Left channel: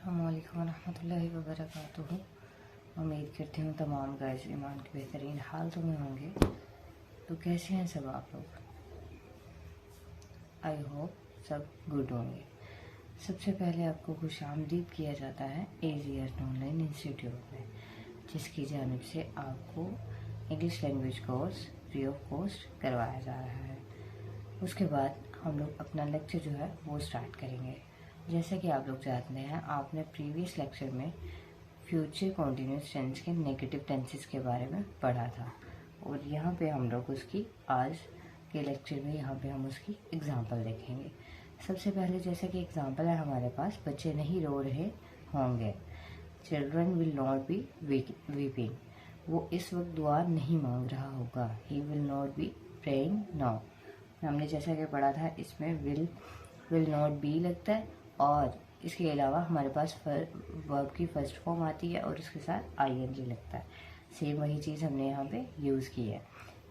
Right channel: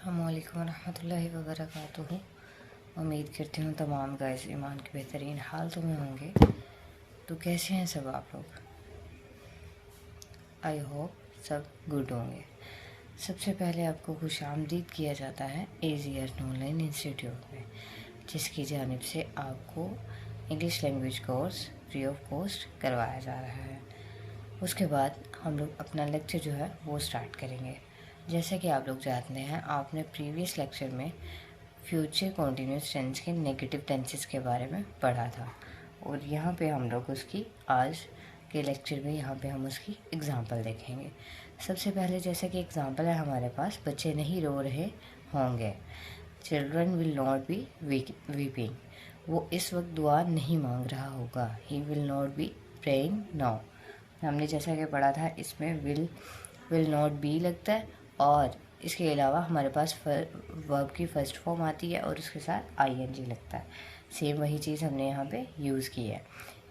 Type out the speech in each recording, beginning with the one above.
अस्सलामुअलैकुम रहमतुल्लाहि व बरकातुहू। उम्मीद करती हूँ तमाम गाइस ईमान के बेहतरीन हाल में होंगे। तो कैसे हैं सब आप लोग? आई होप सब गुड होंगे। सबसे पहले आपको खुशामदीद किया जाता है एजीएस ऑनलाइन इंस्टीट्यूट में, जिसकी जानिब से आपको English language course free of cost करवाया जा रहा है। उसके बाद हम लोग अपना लेक्चर जो है वो स्टार्ट करेंगे। जैसे कि आप लोग जानते हैं, आपने प्रीवियस लेक्चर में फ्यूचर कॉन्टीन्यूस टेंस के नेगेटिव टेंसेस के बारे में पढ़ा था, और यहाँ पे हम लोग उसकी आज के लेक्चर में यहाँ पे हम उसकी एग्ज़ाम्पल देखेंगे। सबसे पहले जैसे कि एग्ज़ाम्पल है हमारे पास, बच्चे नहीं रो रहे होंगे। Children will not be weeping. वो इस वक्त दुआ नहीं मांग रहा होगा। He will not be praying now. हमने जैसा कि पढ़ा था, इसमें विल नॉट बी लगता है, और इसके अलावा हमारे पास वर्ब की फर्स्ट फॉर्म आती है और उसके साथ आईएनजी लगता है। सेम वही चीज़ हमने यहाँ पे यूज़ की है।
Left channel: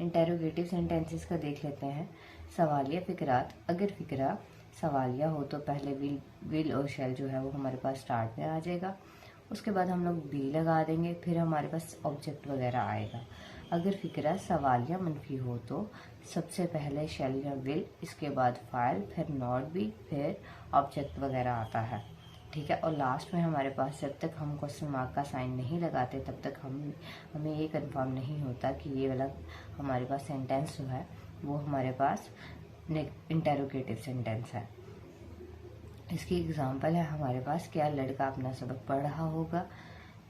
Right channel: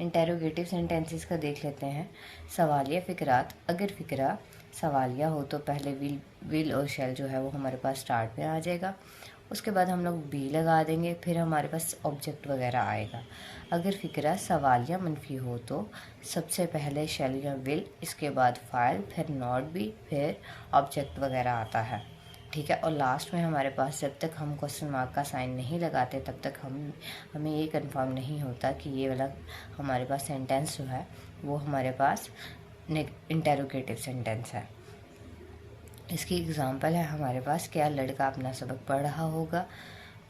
इंटेरोगेटिव सेंटेंसेस का देख लेते हैं। सवालिया फ़िक्रात, अगर फ़िक्रा सवालिया हो तो पहले विल और शैल जो है वो हमारे पास स्टार्ट में आ जाएगा। उसके बाद हम लोग बी लगा देंगे, फिर हमारे पास ऑब्जेक्ट वगैरह आएगा। अगर फ़िक्रा सवालिया मनफी हो तो सबसे पहले शैल या विल, इसके बाद फाइल, फिर नॉट बी, फिर ऑब्जेक्ट वगैरह आता है। ठीक है। और लास्ट में हमारे पास जब तक हम क्वेश्चन मार्क का साइन नहीं लगाते तब तक हमें ये कंफर्म नहीं होता कि ये वाला हमारे पास सेंटेंस जो है वो हमारे पास इंटेरोगेटिव सेंटेंस है। इसकी एग्ज़ाम्पल है हमारे पास, क्या लड़का अपना सबक पढ़ रहा होगा।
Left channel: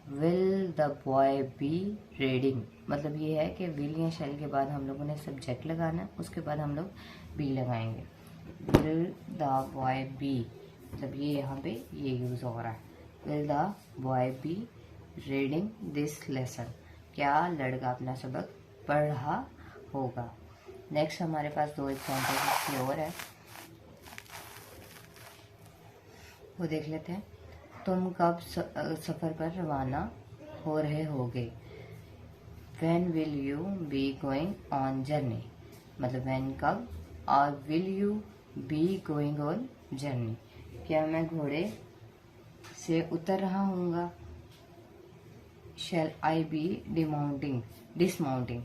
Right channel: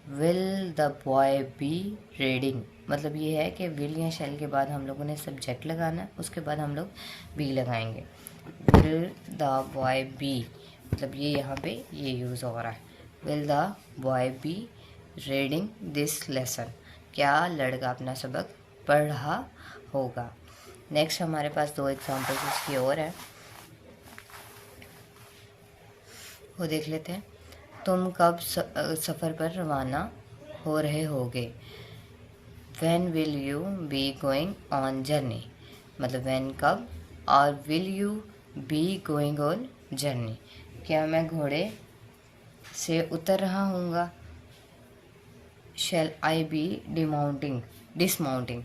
Will the boy be reading, मतलब ये है कि विल या शैल के बाद हम लोगों ने सब्जेक्ट लगाना, उसके बाद हम लोग बी लगाएंगे। विल द बॉय बी, मतलब ये यहाँ पे ये यूज़ हो रहा है। Will the boy be reading this lesson, क्या लड़का अपना सबक पढ़ रहा होगा। नेक्स्ट हमारे पास दो एग्जाम्पल्स इसकी और है, वो देख लेते हैं। तुम कब सफ़र पर रवाना हो रहे होगे। When will you be going on journey, मतलब व्हेन कब, और will you be going on journey, क्या मैं घोड़े से उतर रहा हूँगा। शैल आई बी डिसमाउंटिंग,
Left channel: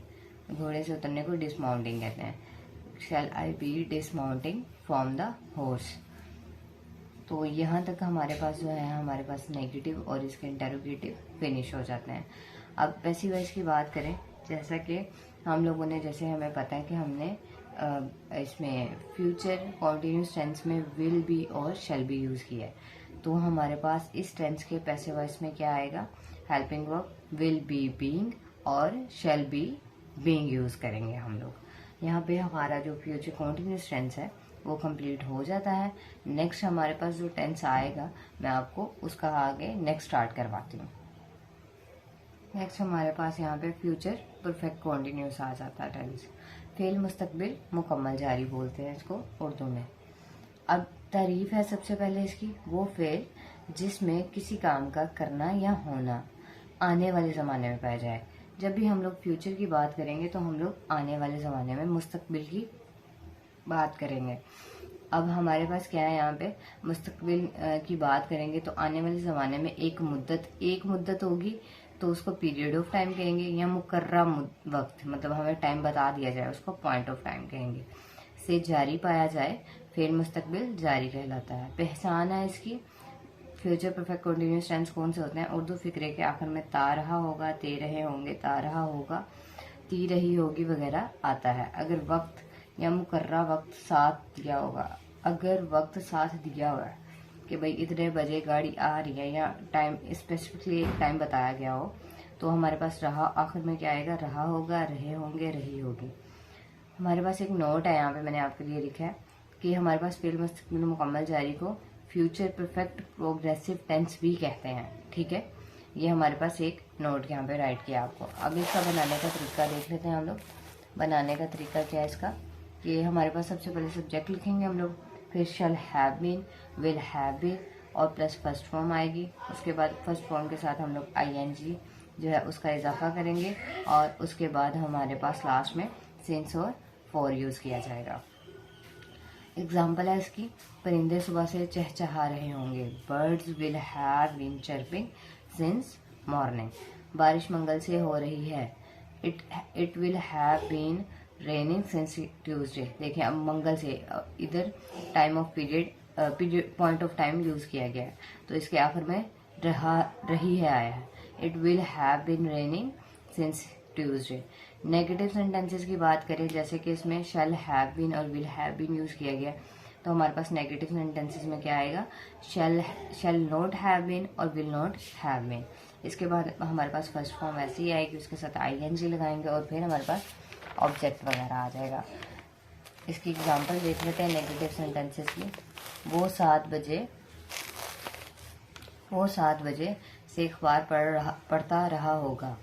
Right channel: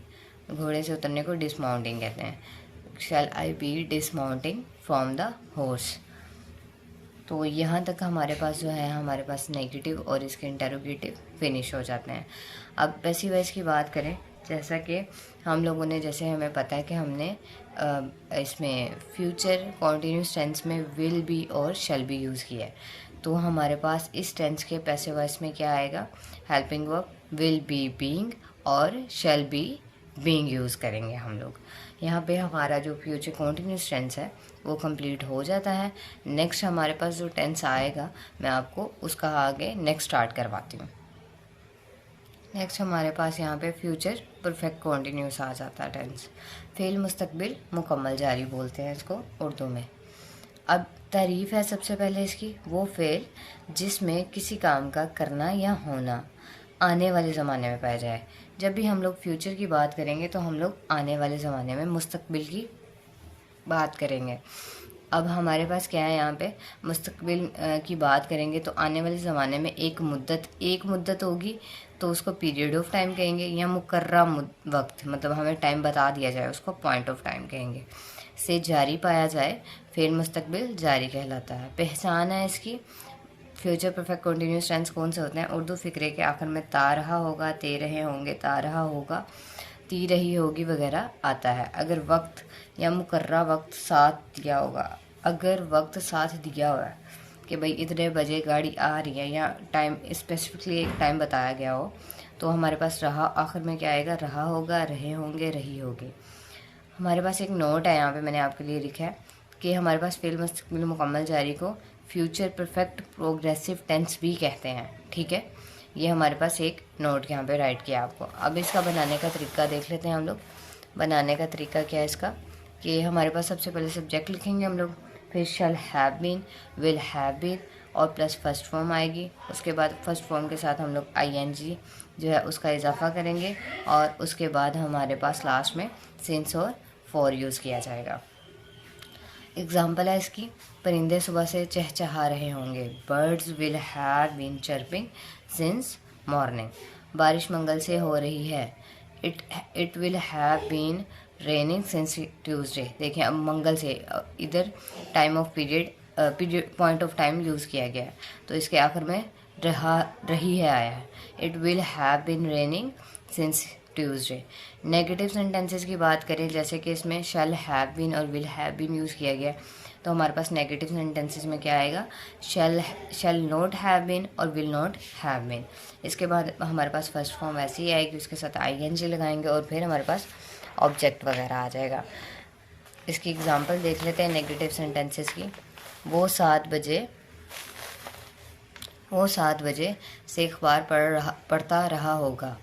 घोड़े से उतरने को डिसमाउंटिंग कहते हैं। शैल आई बी डिसमाउंटिंग फ्रॉम द हॉर्स। तो यहाँ तक हमारे पास जो है हमारे पास नेगेटिव और इसके इंटेरोगेटिव फिनिश हो जाते हैं। अब पैसिव वॉइस की बात करें, जैसा कि हम लोगों ने, जैसे हमें पता है कि हमने इसमें फ्यूचर कॉन्टीन्यूस टेंस में विल बी और शैल बी यूज़ किया है। तो हमारे पास इस टेंस के पैसिव वॉइस में क्या आएगा, helping verb will be being और शैल बी बीइंग यूज़ करेंगे हम लोग। यहाँ पे हमारा जो फ्यूचर कॉन्टीन्यूस टेंस है वो कंप्लीट हो जाता है। नेक्स्ट हमारे पास जो टेंस आएगा मैं आपको उसका आगे नेक्स्ट स्टार्ट करवाती हूँ। नेक्स्ट हमारे पास यहाँ पे फ्यूचर परफेक्ट कॉन्टीन्यूस आ जाता है टेंस। फेल मुस्तकबिल मुकम्मल जारी बोलते हैं इसको उर्दू में। अब तारीफ़ है सबसे पहले इसकी, वो फेल जिसमें किसी काम का करना या होना आने वाले ज़माने में पाया जाए। जब भी हम लोग फ्यूचर की बात करेंगे तो हम लोग आने वाले ज़माने में मुस्तकबिल की बात करेंगे। अब हमारे पास क्या है, यहाँ पे मुस्तकबिल की बात करेंगे तो आने वाले ज़माने में एक मुद्दत होगी तो उसको पीरियड ऑफ टाइम कहेंगे, या मुकर्रा वक्त, मतलब हमें टाइम बता दिया जाए उसको पॉइंट ऑफ टाइम कहेंगे। से जारी पाया जाए फिर मुस्तकबिल जारी कहलाता है। पहचान है इसकी, फ्यूचर परफेक्ट कॉन्टीन्यूस टेंस कौन से होते हैं। उर्दू फ़िक्रे के आखिर में ता रहा होगा, ते रहे होंगे, ता रहा होगा, ती रही होगी वगैरह आता है। अगर वक्त या मुकर्रा वक्त साथ दिया होगा, अगर वक्त साथ दिया हुआ है कि भाई इतने बजे गाड़ी आ रही है, या टाइम स्पेसिफिकली एक टाइम बताया गया हो, तो हमारे पास रहा आखिर में क्या आएगा, रहा होगा, रहे होंगे, रही होगी। हमारे पास एक नोट है यहाँ पे मैंने आपके लिए लिखा है कि हमारे पास फेल मुस्तकबिल मुकम्मल जारी को फ्यूचर परफेक्ट प्रोग्रेसिव टेंस भी कहते हैं। ठीक है, ये हमारे पास एक नोट यहाँ पे राइट किया आपको। अब इसका बनाने का तरीका देख लेते हैं हम लोग। बनाने का तरीका क्या है इसका, कि हमारे पास सबसे पहले सब्जेक्ट लिखेंगे हम लोग, फिर shall have been, will have been और प्लस फर्स्ट फॉर्म आएगी। उसके बाद फर्स्ट फॉर्म के साथ हम लोग आईएनजी जो है उसका इजाफा करेंगे, और उसके बाद हमारे पास लास्ट में सिंस और फॉर यूज़ किया जाएगा। एग्जाम्पल है इसकी, परिंदे सुबह से चहचहा रहे होंगे। Birds will have been chirping since morning. बारिश मंगल से हो रही है। It will have been raining since Tuesday. देखिए अब मंगल से इधर time of period point of time use किया गया है, तो इसके आखिर में रही है आया है। It will have been raining since Tuesday. Negative sentences की बात करें, जैसे कि इसमें शैल हैव बीन और विल हैव बीन यूज़ किया गया, तो हमारे पास नेगेटिव सेंटेंसेस में क्या आएगा, शैल नॉट हैव बीन और विल नॉट हैव बीन। इसके बाद हमारे पास फर्स्ट फॉर्म ऐसे ही आएगी, उसके साथ आईएनजी लगाएंगे और फिर हमारे पास ऑब्जेक्ट वगैरह आ जाएगा। इसकी एग्जांपल देख लेते हैं नेगेटिव सेंटेंसेस की। वो 7 बजे से अखबार पढ़ता रहा होगा।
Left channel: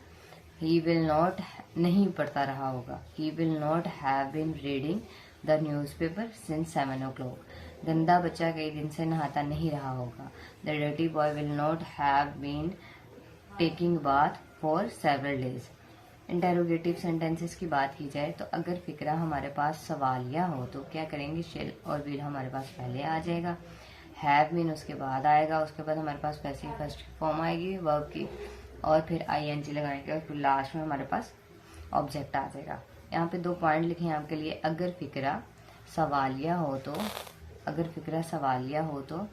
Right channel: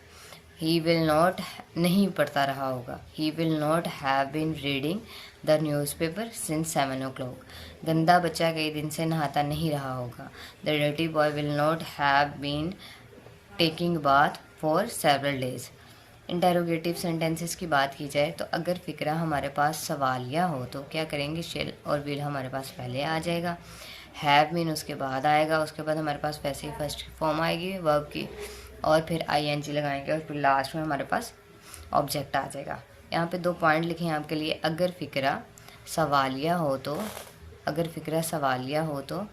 ही विल नॉट नहीं पढ़ता रहा होगा। He will not have been reading the newspaper since 7 o'clock। गंदा बच्चा कई दिन से नहाता नहीं रहा होगा। The dirty boy will not have been taking bath for several days. Interrogative sentences की बात की जाए तो अगर फ़िक्रा हमारे पास सवालिया हो तो क्या करेंगे, शेल और विल हमारे पास पहले आ जाएगा, हैव बीन उसके बाद आएगा, उसके बाद हमारे पास वैसे ही फर्स्ट फॉर्म आएगी वर्ब की और फिर आईएनजी लगाएंगे और फिर लास्ट में हमारे पास ऑब्जेक्ट आ जाएगा। यहाँ पे 2 पॉइंट लिखे हैं आपके लिए। अगर फ़िक्रा सवालिया हो तो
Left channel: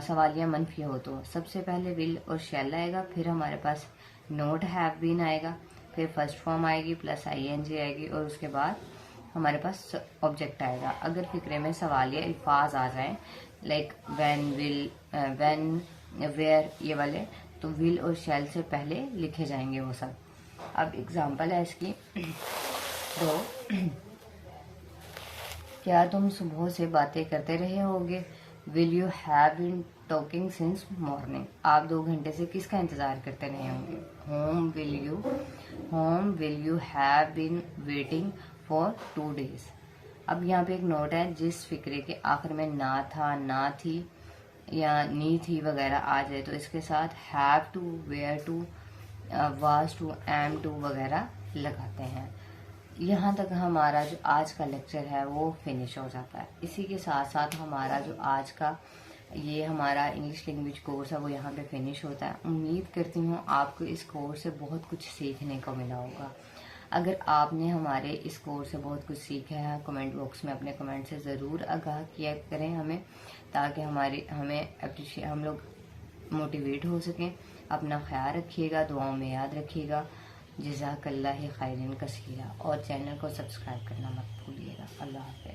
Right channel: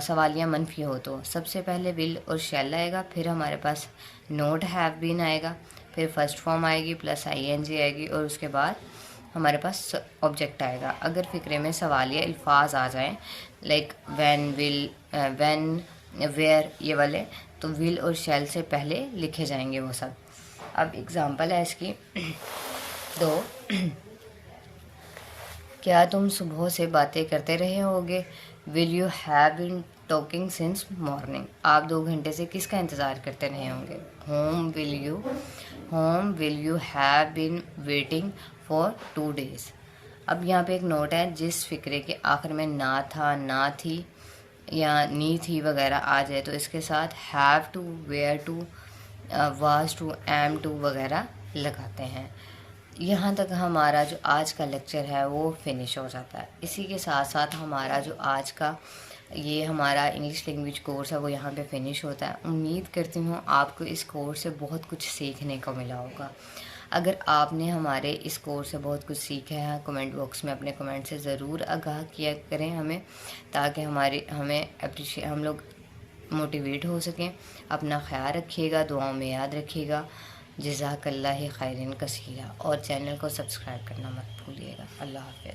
सवालिया मनफी हो तो सबसे पहले विल और शैल आएगा, फिर हमारे पास नोट हैव बीन आएगा, फिर फर्स्ट फॉर्म आएगी प्लस आईएनजी आएगी और उसके बाद हमारे पास ऑब्जेक्ट आएगा। अगर फ़िक्रे में सवालिया अल्फाज आ जाएं like when, will, when, where, ये वाले, तो विल और शैल से पहले लिखे जाएंगे वो सब। अब एग्जांपल है इसकी तो क्या तुम सुबह से बातें करते रहे होगे। Will you have been talking since morning. आप 2 घंटे से किसका इंतज़ार करते रहे होंगे। Whom will you have been waiting for 2 days। अब यहाँ पे एक नोट है, जिस फिक्रे के आखिर में ना था, ना थी या नी थी वगैरह आ जाए तो इसके साथ have to, were to, was to, am to वगैरह लगाते हैं। यहाँ तक हमारा जो आज का लेक्चर है वो फिनिश हो जाता है। इसी के साथ साथ हमारा जो आज का ये हमारा इंग्लिश लैंग्वेज कोर्स है वो यहाँ पे फिनिश होता है। उम्मीद करती हूँ आपको इस कोर्स से बहुत कुछ सीखने को मिला होगा। अगर आपने हमारे इस कोर्स से बहुत कुछ सीखा है, कमेंट बॉक्स में अपने कमेंट से ज़रूर आगाह किया करें हमें, ताकि हम लोग मोटिवेट हो सकें। अपना ख्याल रखिएगा, दुआओं में याद रखिएगा। जज़ाकल्लाह खैरन कसीरा और चैनल को सब्सक्राइब करना मत भूलिएगा। अल्लाह हाफ़िज़।